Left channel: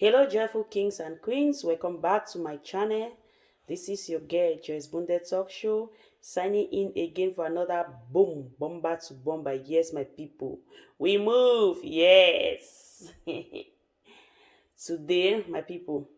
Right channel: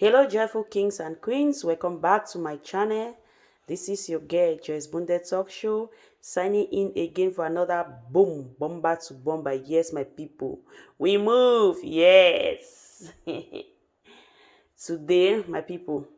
Hello, joyful kings and queens. Welcome back to my channel. This is your girl, Joyce Bunde Talk Show, signing in again for another boom, bomber to bomber. Yes, my people, we move. Yes. Today, my people,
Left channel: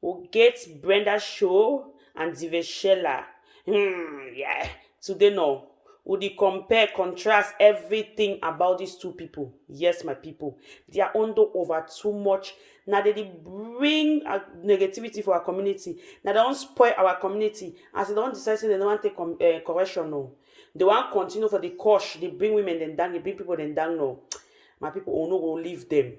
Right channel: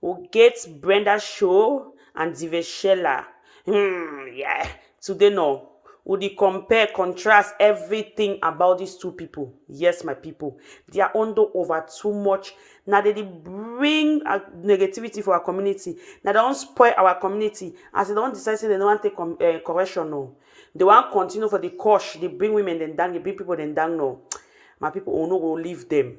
we'll get Brenda Show and Diveshela. Yeah. Today, no. Would you compare, contrast everything about these two people? Yes, my people. They are under over too much. Now they bring negativity for our community. Now they don't spoil our community. As they don't decide they don't want to take correction, no. They want continue for the course. They bring women then down. They bring people then down, no. My people will not go leave them.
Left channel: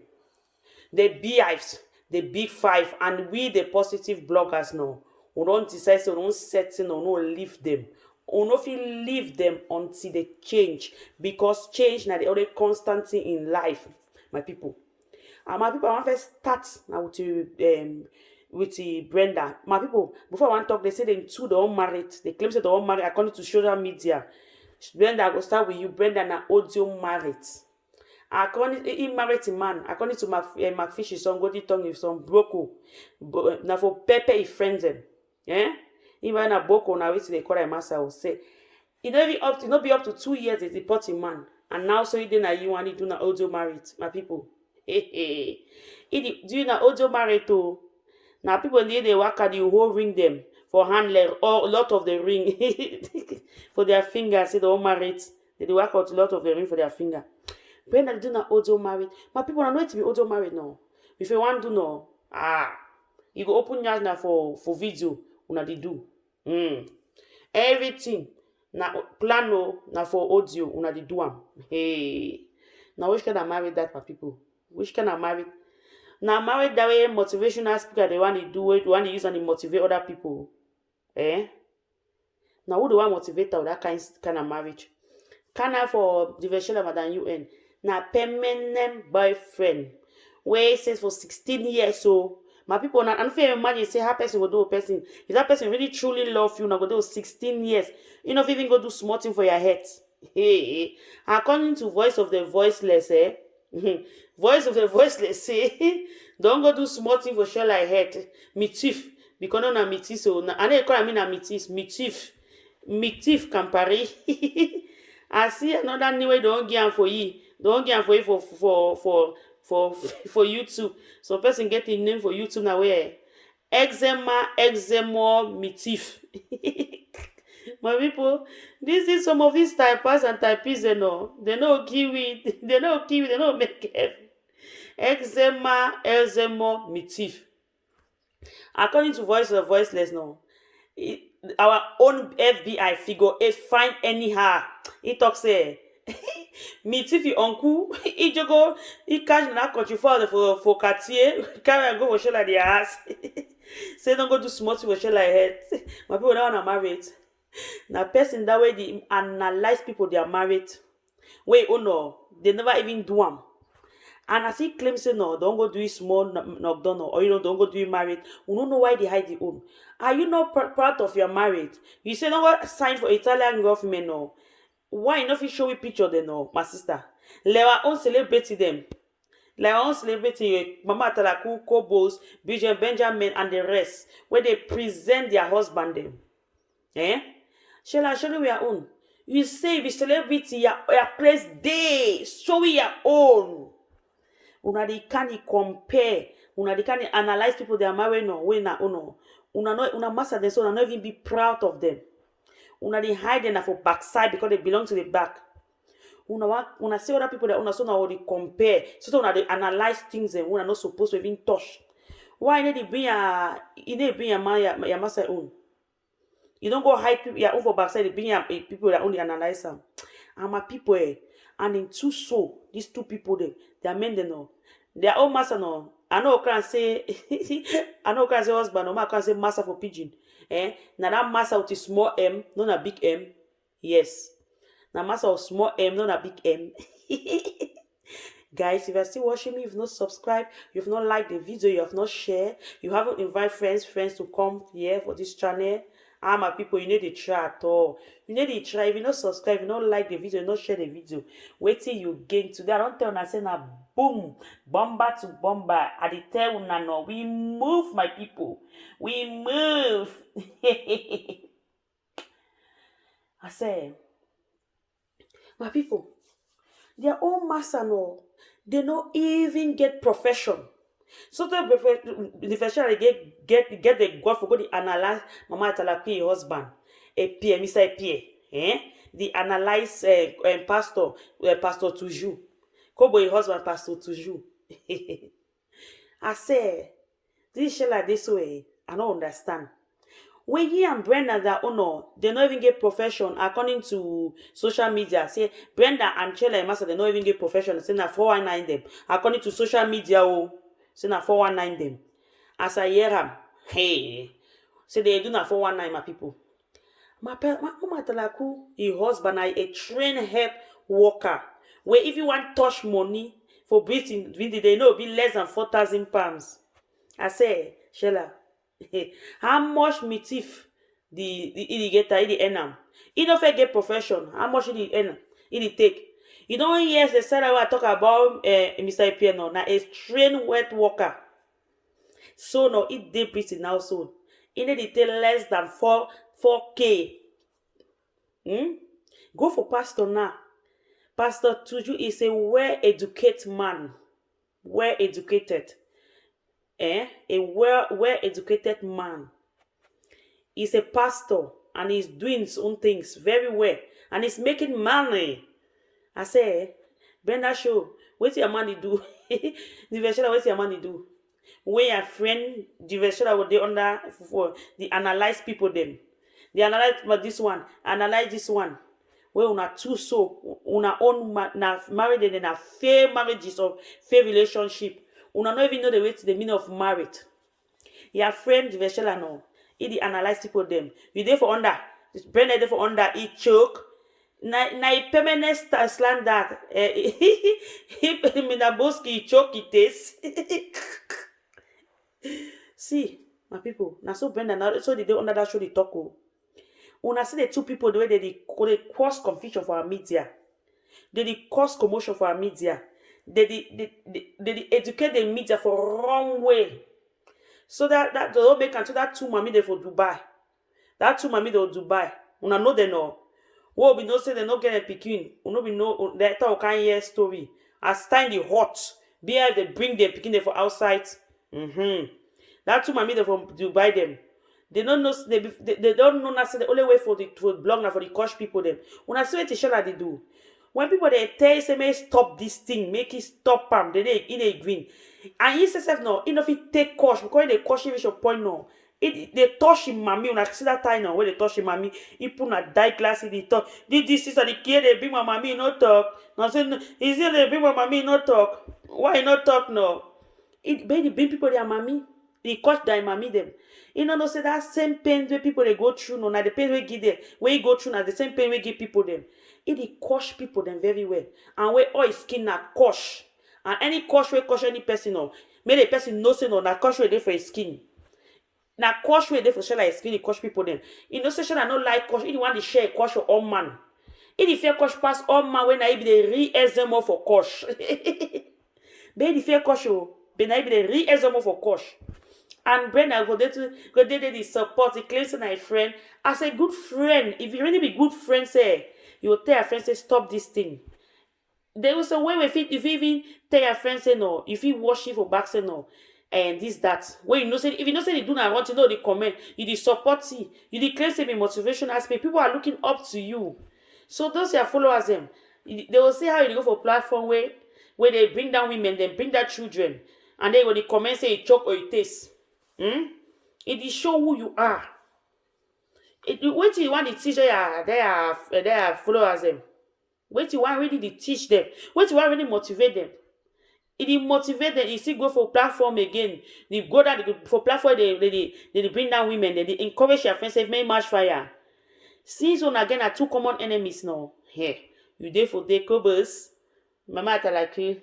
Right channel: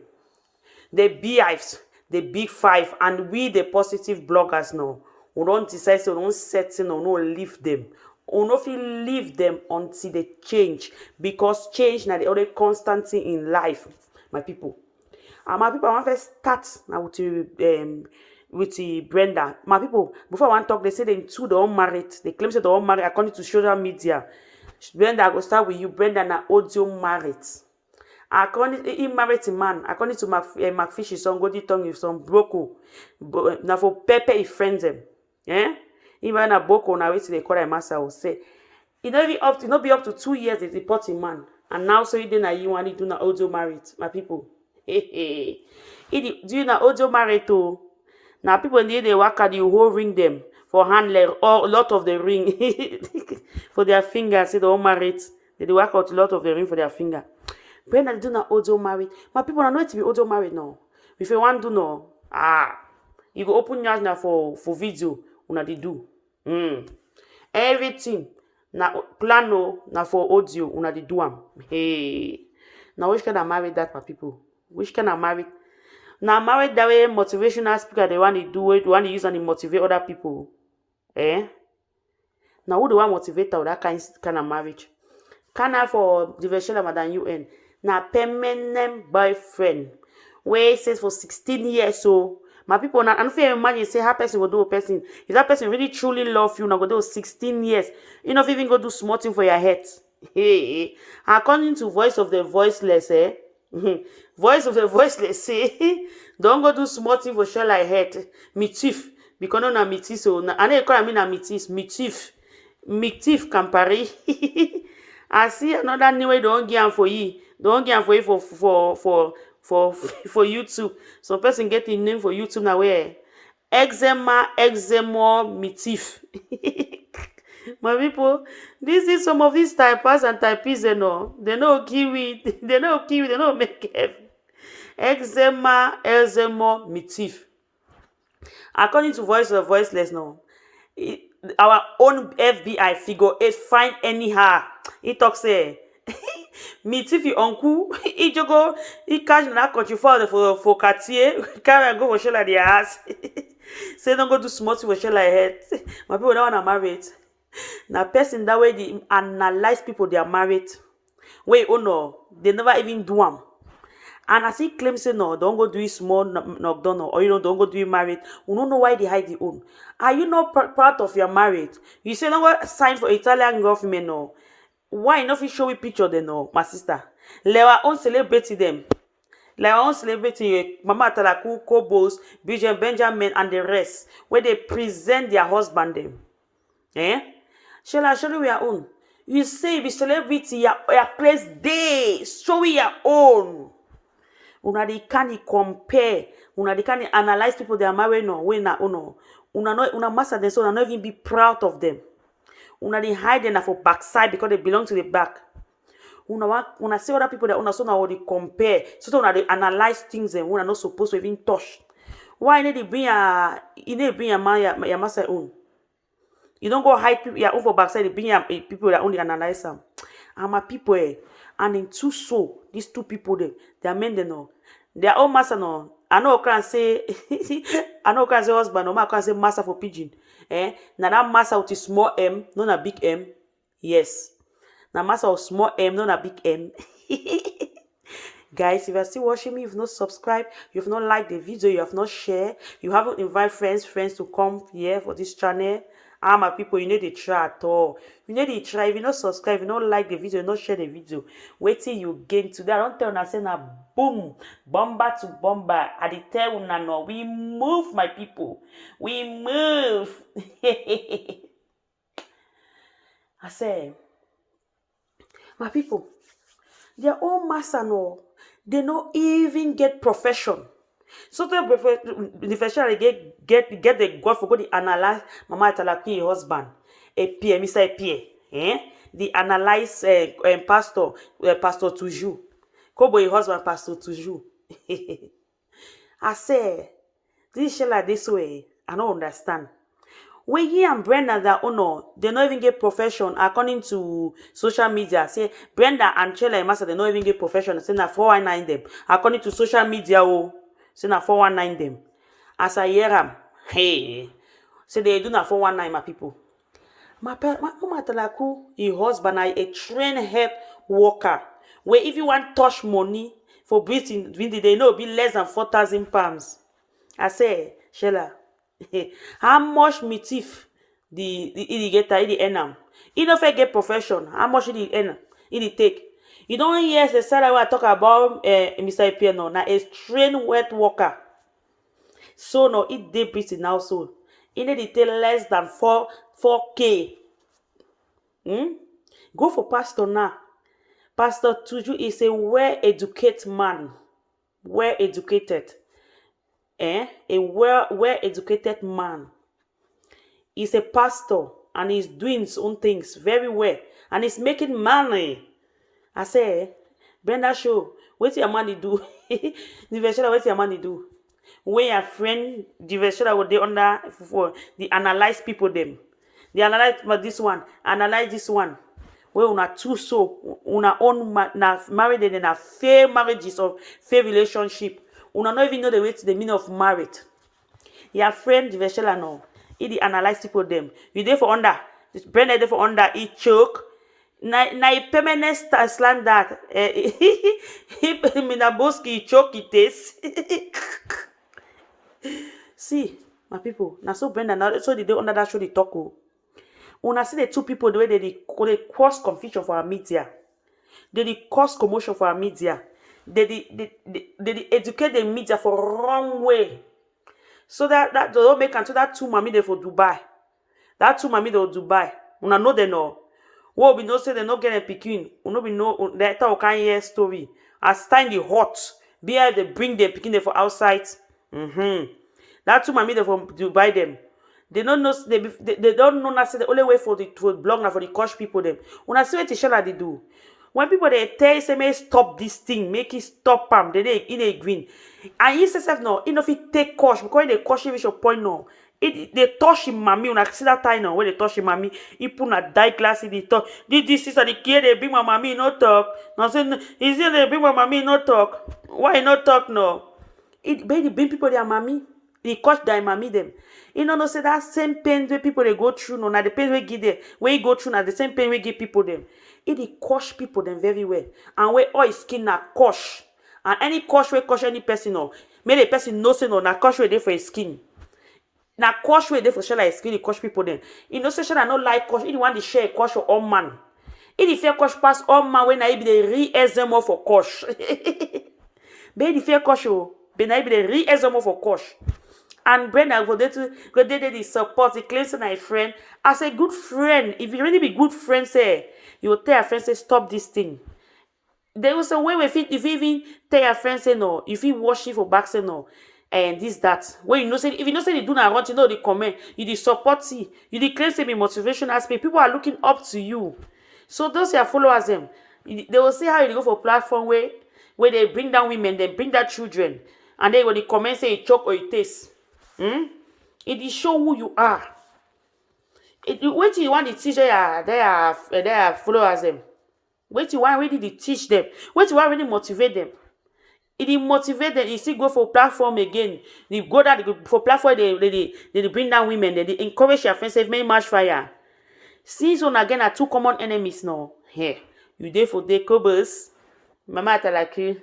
The beehives, the big five, and we the positive bloggers now. We don't decide to don't settle or no leave them. We no fit leave them until they change because change na the only constant thing in life, my people. And my people, I want to start now with the Brenda. My people, before I want to talk, they say they two they all married. They claim say they all married according to social media. Brenda, I go start with you. Brenda na audio married. According he married a man. According to McFish, his son Goldie Tongue, his son Broko. Now for Pepe, he friends them. Yeah? Even a Boko now wait till they call him master will say. It not be up to 2 years they deport a man. And now so you didn't you want to do na audio married, my people. Hey. Do you na audio married too? Now people in they work at the whole ring them for hand or a lot of the ring for their fingers. See the all married. They work out a lot of the ring for their finger. Brenda do na audio married. My people are not to be audio married now. If you want to know, you go open your now for video. Una they do. Everything na plan na for audio. Una they do am. Hey. Now which kind of married that my people? Which kind of married? Now married that way motivational speaker they want to do it. They want to use and to motivate other people. Eh? Now who do want motivate that kind of marriage? Can I for diversion of than UN? Na permanent boyfriend wey says for 16 years so my people na and fit imagine say how person go do a person if that person really truly love you na go do 16 years you no even go do small thing for your head. Hey, according to voice of the voiceless voice of the voiceless say don't go do small thing for sure like head me thief because no na me thief so na I know call me na me thief campari. I see another new way don't give am for you. Don't give am for you for YouTube. Some person get the name for YouTube now where eczema mitif. My people, this is some of these typers and typists, you know. They know kiwi, they know make it. Eczema mitif. According to Voice of Voiceless now, our own FBI figure 8 find anyhow. He talks say me if you uncle he jogo he catch na country for Cartier carry go for show like their ass. Say don't go do small thing for show like head. My people don't wanna married. Now person that way they analyze people they are married. Wait, oh no, they never even do them. And as he claims say no, don't go do it small knockdown or you know don't go do it married. We don't know why they hide the own. Are you not proud of your marriage? You say no what sign for Italian government no. Why not fit show we picture them no, my sister? Let our own celebrity them. Let our own celebrity Mama Atalaku, Kobos, Bridget Benjamin and the rest where they present their husband them. Eh? Shall I show you your own? You say the celebrity your place day. Show your own. Una dey can compare. Una dey can analyze people they are married no. When na uno. Una master them so una not even be proud of them. Una dey hide them for backside because they belong to the back. Una see other people that una so now they compare. So una they analyze things and una not supposed to even touch. Why need to bring your man your master own? You don't go hide people your own for backside. They bring your people that only analyze them. And my people and in two so these two people they are men they know. Their own master no. I know can say husband no I can say master for pigeon. Now that master with a small M, not a big M. Yes. Now master of small M, not a big M. Guys, if you're still watching me, you've not subscribed, you've not liked the video, you have not shared, you haven't invited friends to come here for this channel, Ah, my people, you need to try at all. You need to try. If you not subscribe, if you not like the video, not share the video. Wait till you gain today. I don't tell una say na boom, bomber to bomber. I dey tell una no. We move, my people. We move. I say, my people, their own master no, they no even get profession. So the profession they get the God for go the analyze Mama Talaki husband, a Pierre, Mr. Pierre, the analyze pastor, Pastor Toujours. Kobo husband Pastor Toujours. I say this shit like this way, I don't understand. When he and Brenda that they don't even get profession according to social media. Say Brenda and Chela and Master, they don't even get profession. Say na 419 them. According to social media, say na 419 them. As I hear them, hey, say they do na 419 my people. My mama Talaku, his husband, a trained health worker. Where if you want touch money for breathing, they know be less than 4,000 pounds. I say, Shella, how much me thief the irrigator, the enam? He don't get profession. How much the earn? He take. You don't hear the salary I talk about Mr. Piano. Now a trained wet worker. So no, it dey breathing now so. He need to take less than 4K. Go for pastor now. Pastor Tuju is a well-educated man. Well-educated. A well-educated man. He's a pastor and he's doing his own things very well. And he's making money. I say, Brenda show, what's your money do? The version what's your money do? When your friend, the version what they under for the analyze people them. They analyze this one, analyze this one. Well, una two so una own na married and a fair marriages or fair relationship. Una not even know the way to the meaning of married. Your friend the vessel no. He analyze people them. You there for under. Brenda there for under. He choke. Na permanent slang that. He Minaboski choke it is. See, my people. Now so Brenda now so they under that show the talk. Una see the two people the way they cause confusion for our media. They cause commotion for our media. They educate the media for wrong way. So that they don't make until that two mommy they for Dubai. That two mommy they for Dubai. Una know they know. What we know say they not get a picking. Una we know that can hear story. As time the hot. Be they bring them picking them for outside. That two mommy they for Dubai them. They don't know they don't know that the only way for the blog now for the coach people them. When I see what the they do. When people they tell you say may stop this thing, make it stop them, they in a green. And he says no, if it take coach because they coach him your point no. They touch him mommy when I see that time now when they touch him mommy, he put a die glass in the talk. This is the kid they bring my mommy no talk. Now say is it they bring my mommy no talk? Why not talk no? It they bring people their mommy, they coach their mommy them. You know, say that same pain where people they go through, no, now the pain we give them, where you go through, now the same pain we give people them. It coach people them very well. And where all skin na coach. And any coach where coach any person, no, make the person know say no, na coach where they for his skin. Na coach where they for share like skin, the coach people them. You know, say I not like coach, you want to share coach for all man. If fair coach pass all man when I be the re-exam for coach. Be the fair coach, be I be the re-exam for coach. And Brenda go there the support, the claims to my friend. As a good friend, if you really be good friend, say you will tell your friend say stop this thing. There was a way if you even tell your friend say no, if you wash it for back say no, and this that. When you know say if you know say they do not want to know the comment, you the support you the claim say be motivation aspect. People are looking up to you. So those your followers them, they will see how you go for platform where they bring down women, they bring down children, and they will the comment say it choke or it taste. It is show who you are. Wait you want to teach they are followers them. Wait you want really to teach them. Wait you want really motivate them. It motivate them. You see go for platform again. They go that for platform they bring down women. They encourage your friends say make match fire. Season again are two common enemies now. Here you there for the cobbles. Mama Talaki,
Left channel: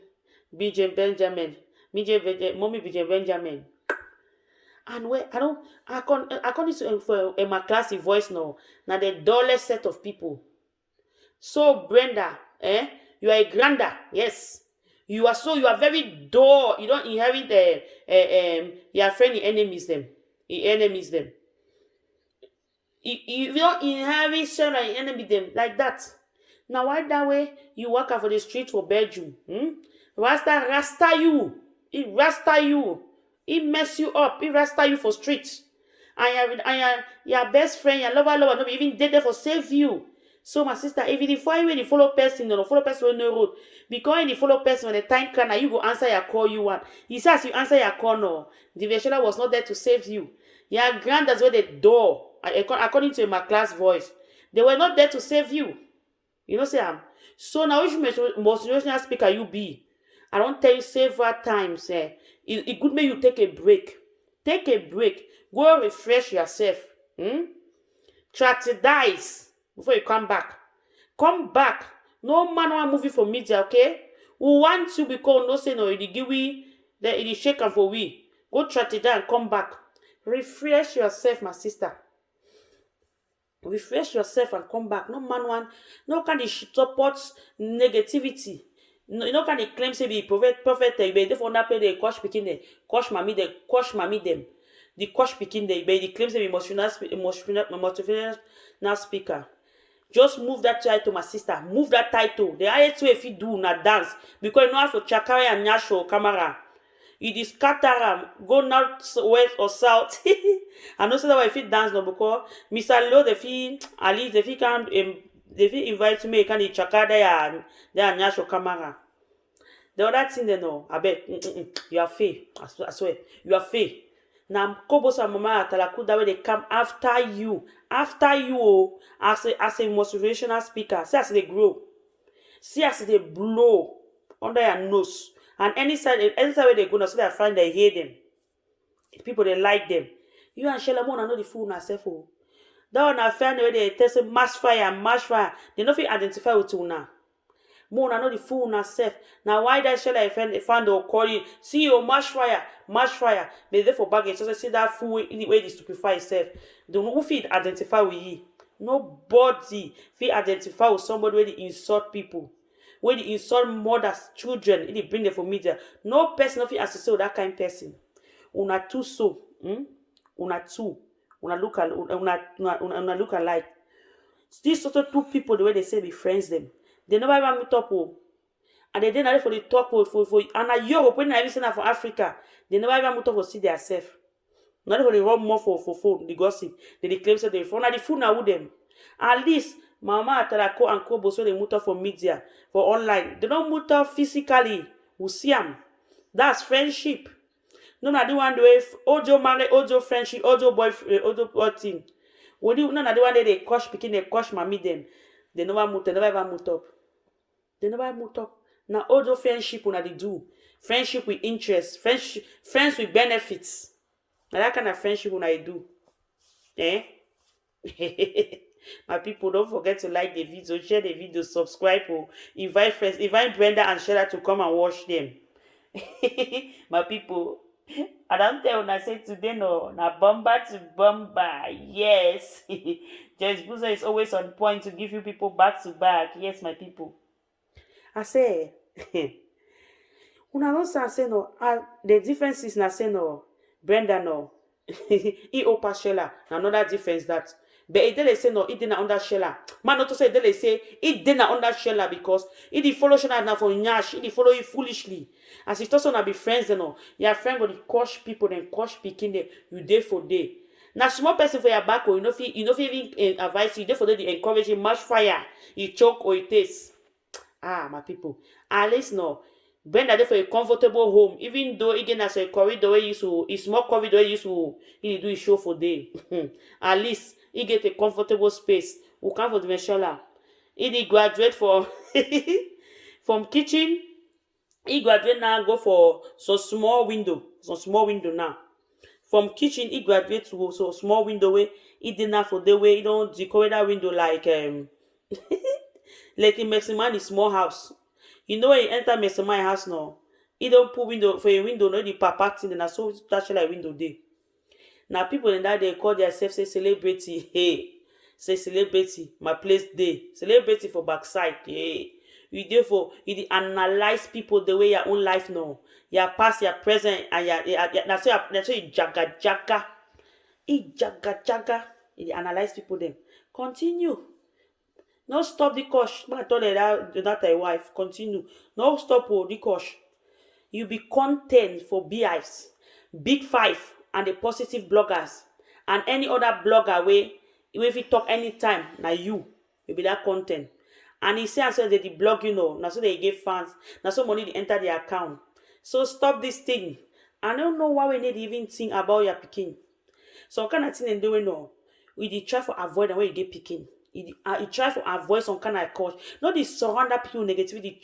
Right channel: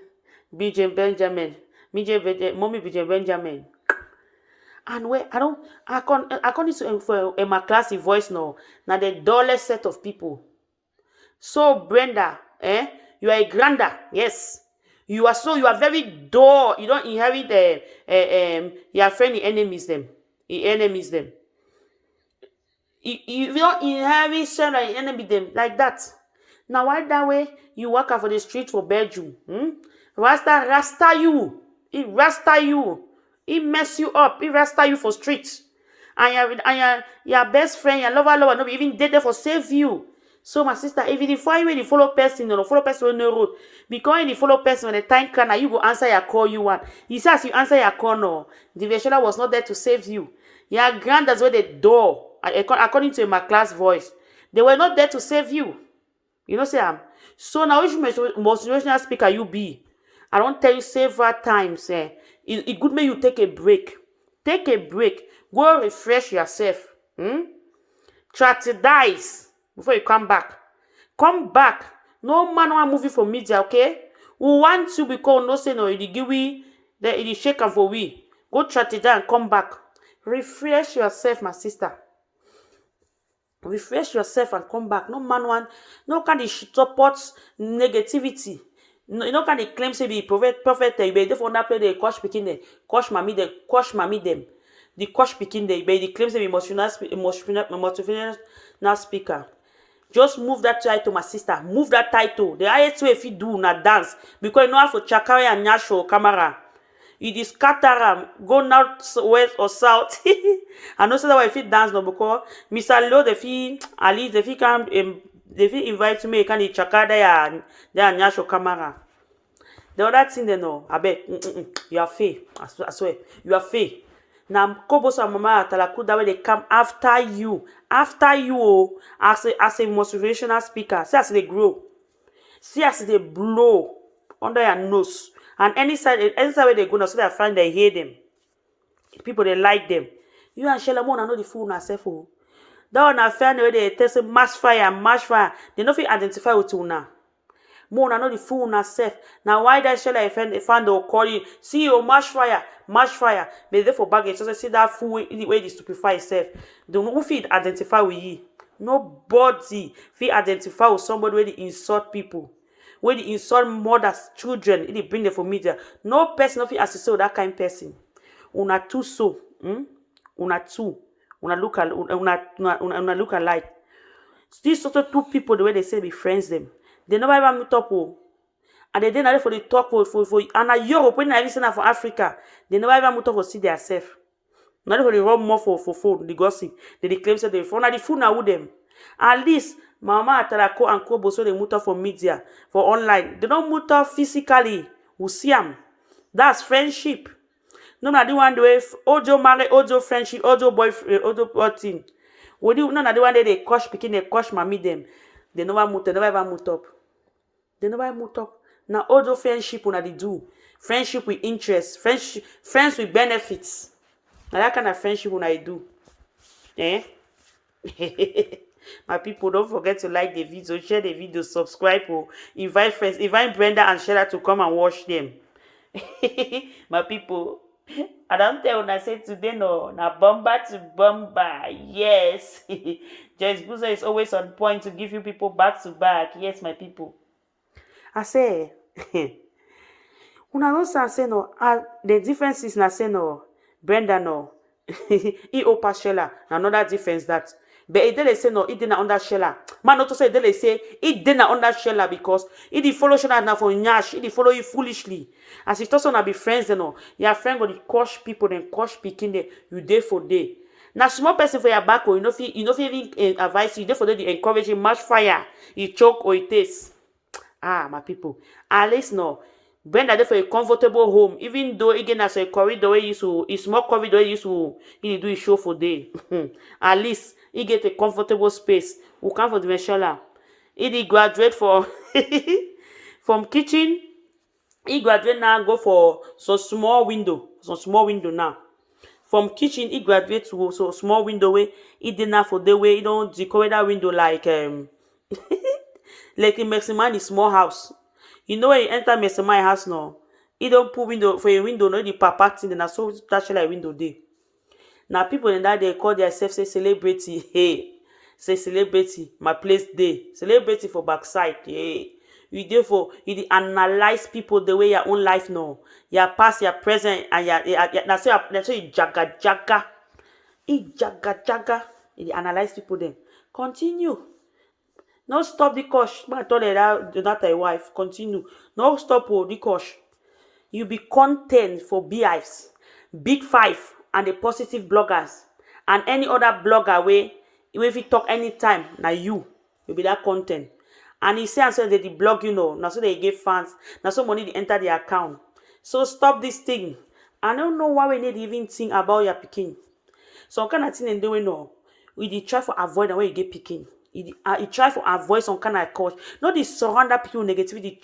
BJ Benjamin, mommy BJ Benjamin. And where I don't, according to for my classy voice now, now the dullest set of people. So Brenda, you are a granda, yes. You are very dull. You don't inherit your friend enemies them. The enemies them. You don't inherit son and enemy them like that. Now why that way you walk out for the street for bedroom? Rasta you. It rasta you. It mess you up. It rasta you for streets. And your best friend, your lover, no be even dead there for save you. So my sister, if you find when you follow person, no follow person on the road, because when you follow person when the time can, now you go answer your call you want. He says you answer your call no. The Veshola was not there to save you. Your granddad's where the door, according to my class voice, they were not there to save you. You know, say so now which motivational speaker you be? I don't tell you several times. It good make you take a break. Take a break. Go refresh yourself. Strategize before you come back. Come back. No man want movie for media, okay? We want to because no say no, it give we it shake and for we. Go strategize and come back. Refresh yourself, my sister. Refresh yourself and come back. No man want, no kind of support negativity. No, you know kind of claim say be prophet you be therefore not play the coach picking them, coach mommy them. The coach picking them, be the claim say be motivational speaker. Just move that title, my sister. Move that title. The highest way if you do na dance because you know how for chakari and nyasho camera. It is scatter go north, west or south. I know so that if you dance no because Mr. Leo the fee at least if he can they invite me can chakada and nyasho camera. The other thing they know, I bet you are fake. I swear, you are fake. Now Kobos and Mama Talaku that way they come after you as a motivational speaker. See as they grow. See as they blow under your nose. And any side where they go now, so they find they hear them. People they like them. You and Shella Mona know the fool herself. Oh. That one I find where they test mash fire. They don't feel identify with you now. Mona know the fool herself. Now why that Shella find they call you? See you mash fire. They there for baggage. So they see that fool in way they stupefy itself. They don't feel identify with you. Nobody feel identify with somebody where they insult people. When they insult mothers, children, they bring them for media. No person of you associate with that kind of person. Una two so, una look alike. These sort of two people, the way they say be friends them, they never ever meet up. And they didn't for the talk for and a Europe when I listen for Africa, they never ever meet up for see themselves. Not for the run more for phone, the gossip. They claim that they phone the phone now with them. At least Mama Atalako and Kobo so they move up for media, for online. They don't move up physically. We see them. That's friendship. No, I don't want to do Ojo marry, Ojo friendship, Ojo boyfriend, Ojo thing. No, I don't want they coach picking, they coach mommy them. They never ever move up. They never move up. Now Ojo friendship when they do. Friendship with interest, friends with benefits. Now that kind of friendship when I do. My people, don't forget to like the video, share the video, subscribe, invite friends, invite Brenda and Sheila to come and watch them. My people, I don't tell when I say today no, na bomba to bomba. Yes. Joyce Buzo is always on point to give you people back to back. Yes, my people. I say, when I also say no, the difference is na say no, Brenda no. He opa Sheila, another difference that. But it didn't say no, it didn't under Sheila. Man, not to say they say it didn't under Sheila because it did follow Sheila now for Nyash, it did follow you foolishly. As it also not be friends, you know. Your friend go to coach people, then coach picking you day for day. Now, small person for your back, or you know, even advice you day for day, they encourage you, match fire, you choke or it tastes. My people, at least no. Brenda there for a comfortable home, even though again as a corridor way used to, it's more corridor used to, he do a show for day. At least he get a comfortable space. We come for the Veshola. He did graduate for from kitchen. He graduate now go for some small window now. From kitchen he graduate to so small window way. He did now for the way he don't decorate that window like like in Meximan is small house. You know when you enter Meximan house now, he don't put window for a window, no the papa thing, and so touch like window day. Now people in that they call themselves say celebrity. Hey, say celebrity, my place day. Celebrity for backside. Hey. You therefore you dey analyze people the way your own life no. Your past, your present, and that's why you jaga jaga. Jaga jaga. You dey analyze people them. Continue. No stop the course. Man, I told her that thy wife. Continue. No stop the course. You be content for beehives, big five, and the positive bloggers, and any other blogger way, even if you talk anytime, now you be that content. And he say and so they blog, now so they give fans, now so money they enter the account. So stop this thing. I don't know why we need even think about your picking. So kind of thing they doing now. We dey try for avoid the way you get picking. You try for avoid some kind of cause. Not the surround people with negativity.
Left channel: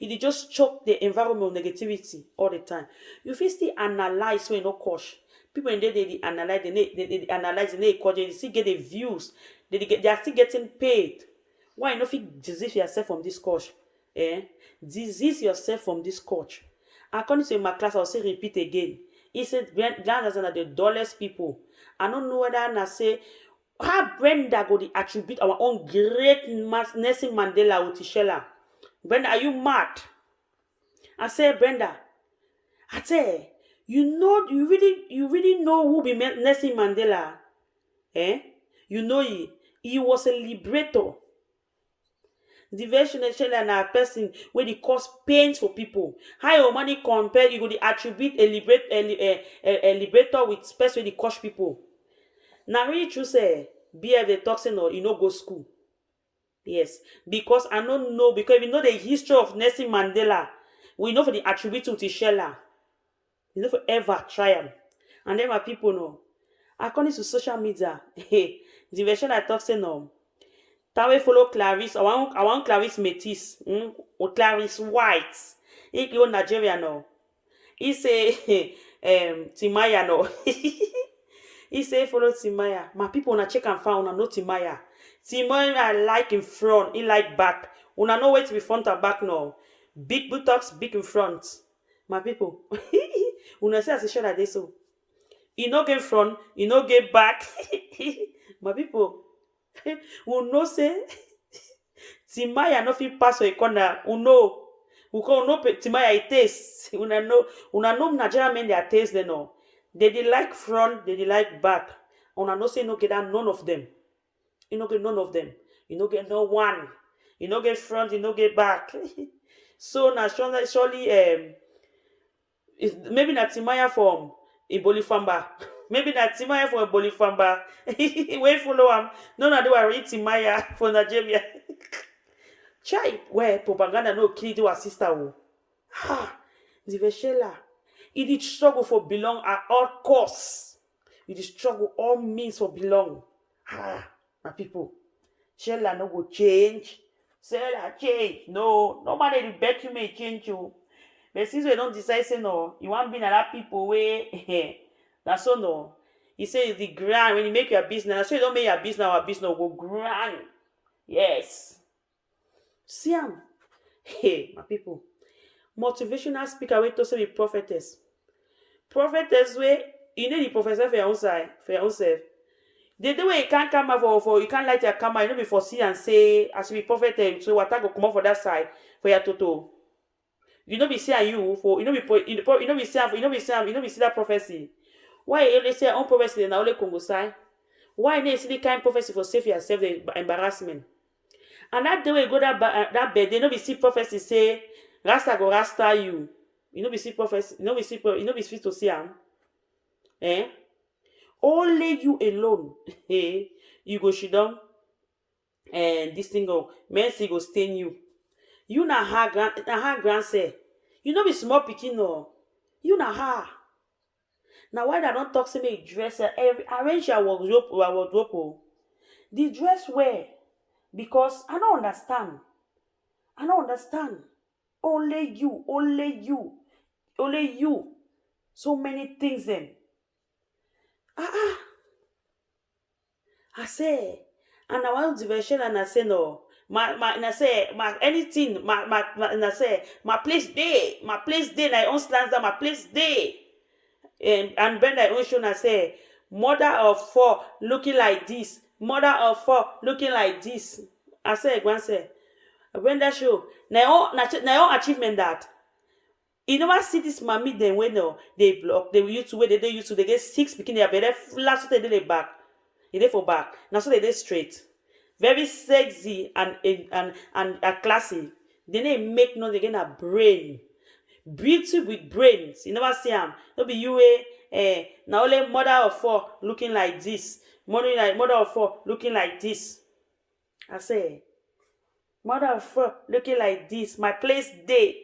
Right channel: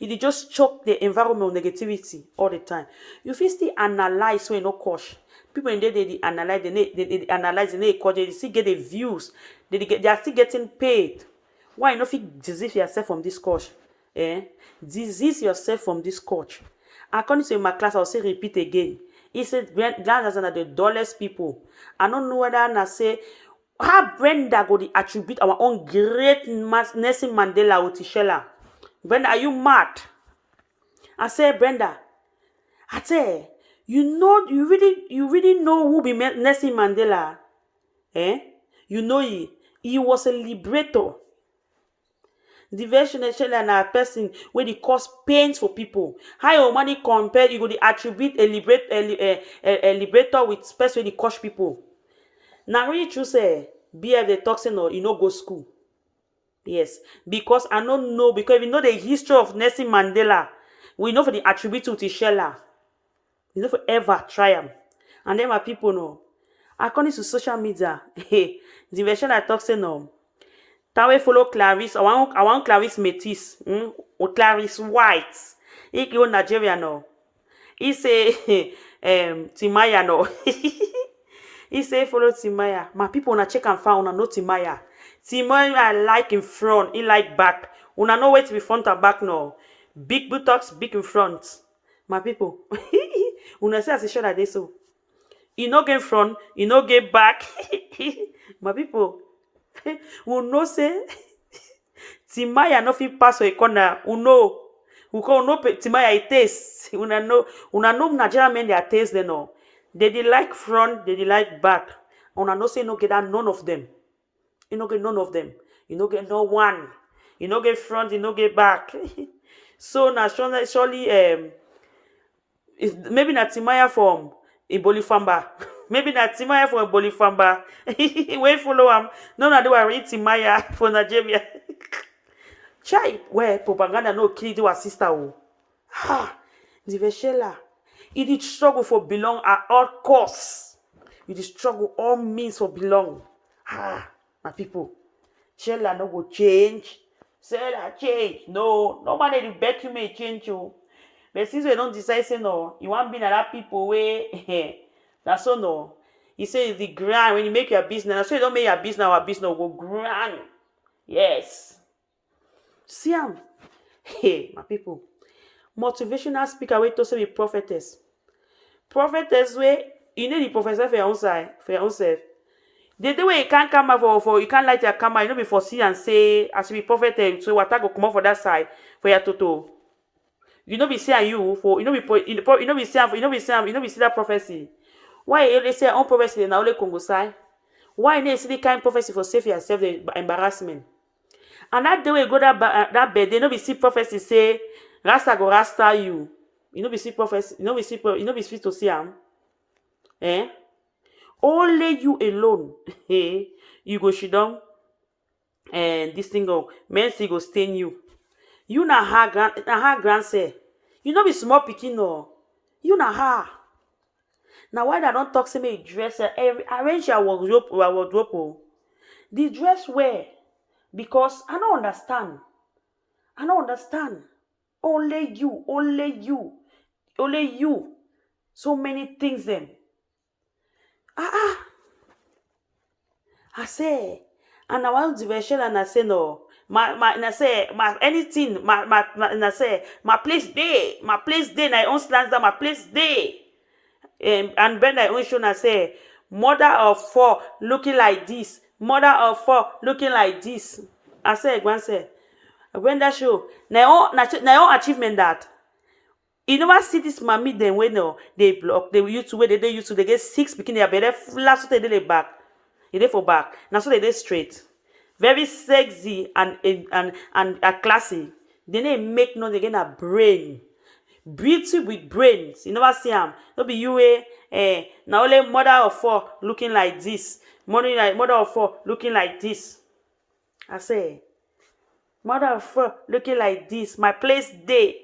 You just choke the environment with negativity all the time. You feel still analyze when no cause. People in there they analyze, they analyze, they still get the views. They are still getting paid. Why you not fit disease yourself from this coach? Disease yourself from this coach. According to my class, I'll say repeat again. He said Glanders are the dullest people. I don't know whether I say how Brenda go to attribute our own great Nelson Mandela with Tishela. Brenda, are you mad? I say, Brenda, I say, you really know who be Nelson Mandela? You know he was a liberator. The version of Shella na a person where they cause pains for people. How your money compare, you go to attribute a liberator with person where they cause people. Now really true say, BF the toxin or you know go school. Yes, because I don't know, because we know the history of Nelson Mandela. We know for the attribute to Shella. We know for ever try them. And then my people know. According to social media, the version I talk say no. Tawe follow Clarice. I want Clarice Métis. Or Clarice White. He go Nigeria no. He say Timaya no. He say follow Timaya. My people wanna check and find una know Timaya. Timaya like in front, he like back. Una know where to be front and back now. Big buttocks, big in front. My people. Una say as a show like this so. He no get front, he no get back. My people. We know say Timaya no fit pass for a corner. We know Timaya it taste. Una know Nigerian men their taste they know. They like front, they like back. Una know say no get that none of them. You no get none of them. You no get no one. You no get front, you no get back. So now surely maybe not Timaya from Ibolifamba. Maybe not Timaya from Ibolifamba. Wait follow him. No, they were read Timaya for Nigeria. Try where propaganda no kill to our sister. The Veshela. It did struggle for belong at all costs. It did struggle all means for belong. My people. Shella no go change. Shella change. No, nobody will bet you may change you. But since we don't decide, say no, you want be that people way. That's so no. He say the grand when you make your business, so you don't make your business, our business will go grand. Yes. See hey, my people. Motivational speaker way to say be prophetess. Prophetess way, you need the professor for your own side, for your own self. The way you can't come out for you can't light your camera, you know before see and say as you be prophet, so what I go come out for that side for your toto. You know be saying you for you know be see that prophecy. Why they say on prophecy na only Congo side? Why you see the kind prophecy for save yourself the embarrassment? And that day we go that bed, they no be see prophecy say Rasta go Rasta you. You know be see prophecy, you know be fit to see am. Only you alone. You go sit down and this thing go mercy go stain you. You na her grand say. You know be small pikin no. You na her. Now why I don't talk to me dress arrange your wardrobe. The dress wear because I don't understand. Only you. So many things then. I say, and I want to version and I say no. I say anything. I say my place day. My own stands down. My place day. And Ben I own show and I say Mother of four looking like this. Mother of four looking like this. I say, Gwan say, when that show, now all achievement that. You never see this mommy then when no they block they YouTube where they YouTube they get 6 picking their bed last so they did back. They for back. Now so they did straight. Very sexy and classy. Then they make no they get a brain. Beauty with brains. You never see them. Don't be you now only mother of four looking like this. Mother of four looking like this. I say mother of four looking like this. My place day.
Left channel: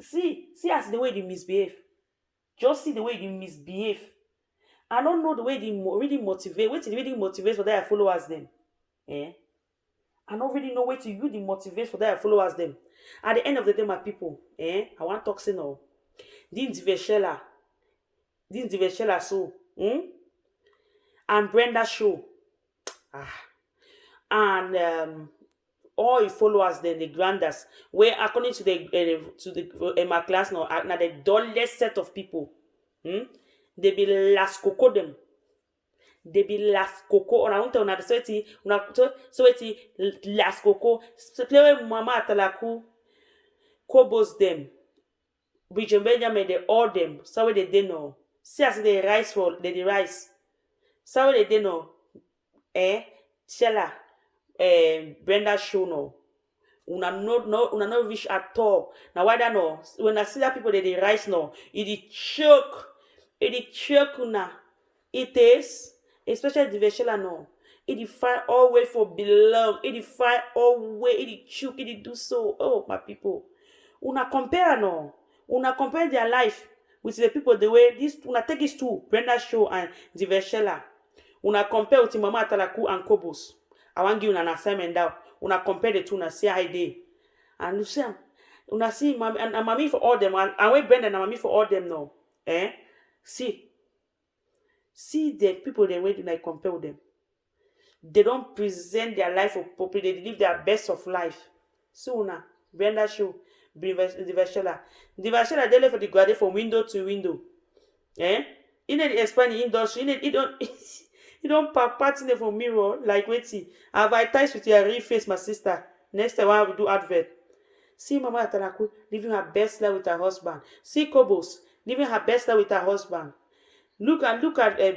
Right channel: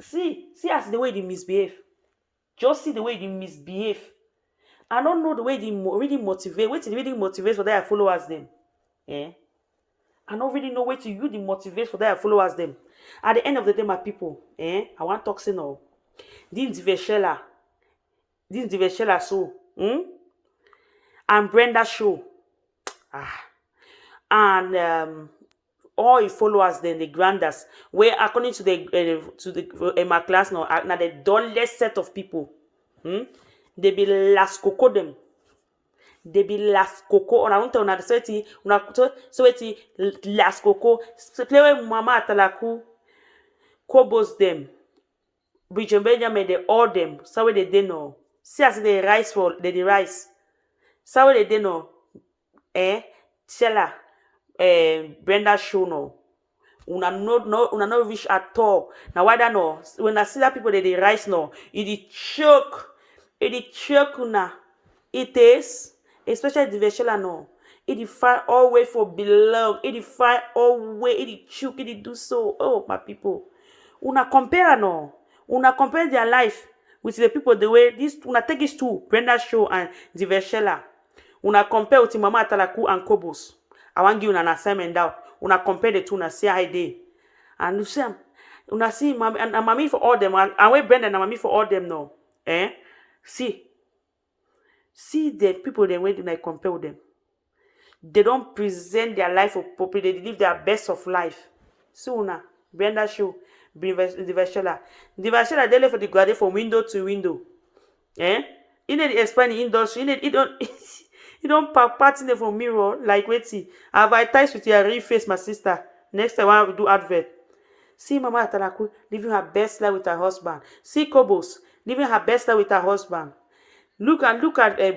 See as the way they misbehave. Just see the way they misbehave. I don't know the way they really motivate. Wait till they really motivate for their followers them. Eh? I don't really know where to use the motivate for their followers them. At the end of the day, my people, I want to talk say now. This Diveshela so, and Brenda show, and all his followers then the granders, where according to the my class now the dullest set of people, they be last cocoa them. They be last cocoa. Ona unta ona sweaty. Una sweaty last cocoa. Play with mama atalaku. Kobos them. Bridget Benjamin they all them. So they know. See as they rise for they rise. So they know. Shella. Brenda show no. Una no wish at all. Now why that no? When I see that people they rise no, it choke. It choke una. It is. Especially the Veshela no. It find all way for belong. It find all way. It choke. It do so. Oh my people. Una compare no. Una compare their life with the people the way this. Una take this two Brenda show and the Veshela. Una compare with Mama Atalaku and Kobos. I want give you an assignment now. Una compare the two. Una see how they. And you see, una see mommy and mommy for all them. And we Brenda and mommy for all them now. See the people they went to compare with them. They don't present their life of properly. They live their best of life. So now, Brenda show, the Vashela. The Vashela they left for the graduate from window to window. You need to explain the industry. You don't part in from mirror like wait see. Advertise with your real face, my sister. Next time I will do advert. See Mama Atalaku living her best life with her husband. See Kobos living her best life with her husband. Look at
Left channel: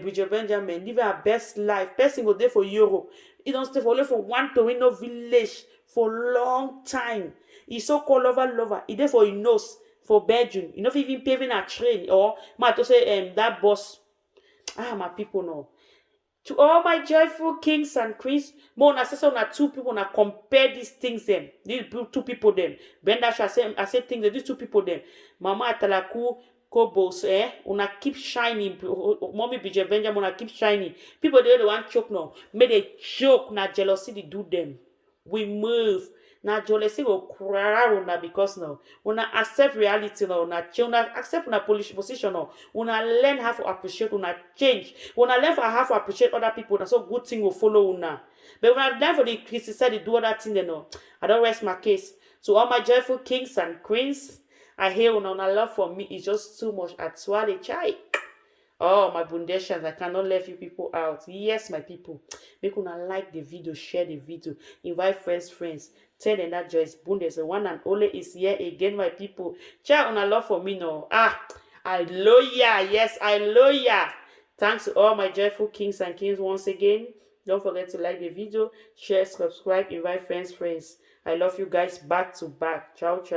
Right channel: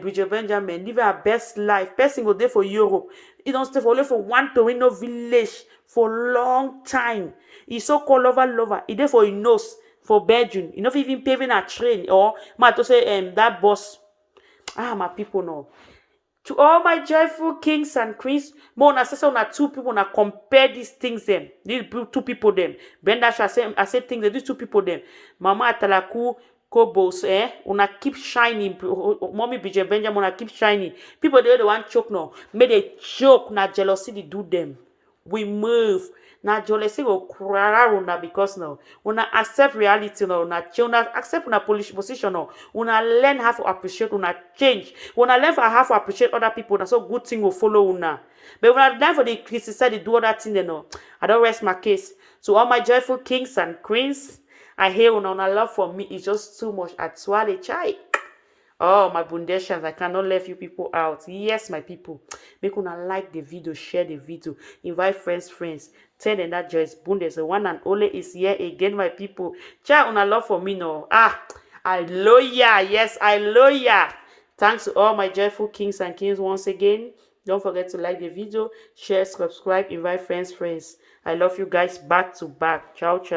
Bridget Benjamin living her best life. Person go there for Europe. He don't stay for one Torino village for long time. He so called lover. He there for his nose for Belgium. He not even paving a train or ma to say that boss. My people know. To all my joyful kings and queens, more say na two people na compare these things them. These two people them. Brenda I say things that these two people them. Mama Atalaku. Kobos, una keep shining. Mommy Bridget Benjamin, una keep shining. People they want choke now. May they choke, na jealousy they do them. We move. Na jealousy go cry una because now. Una accept reality now. Una accept una position now. Una learn how to appreciate. Una change. Una learn how to appreciate other people. That's so good thing will follow una. But when I learn for the criticize, they do other thing, they know. I don't rest my case. So all my joyful kings and queens. I hear una love for me is just too much. At swallow chai. Oh, my bundeshians, I cannot leave you people out. Yes, my people. Make una like the video, share the video, invite friends. Tell them that Joyce Bundes, the one and only, is here again, my people. Chai, una love for me no. I love ya. Yes, I love ya. Thanks to all my joyful kings and queens once again. Don't forget to like the video, share, subscribe, invite friends. I love you guys back to back. Ciao, ciao.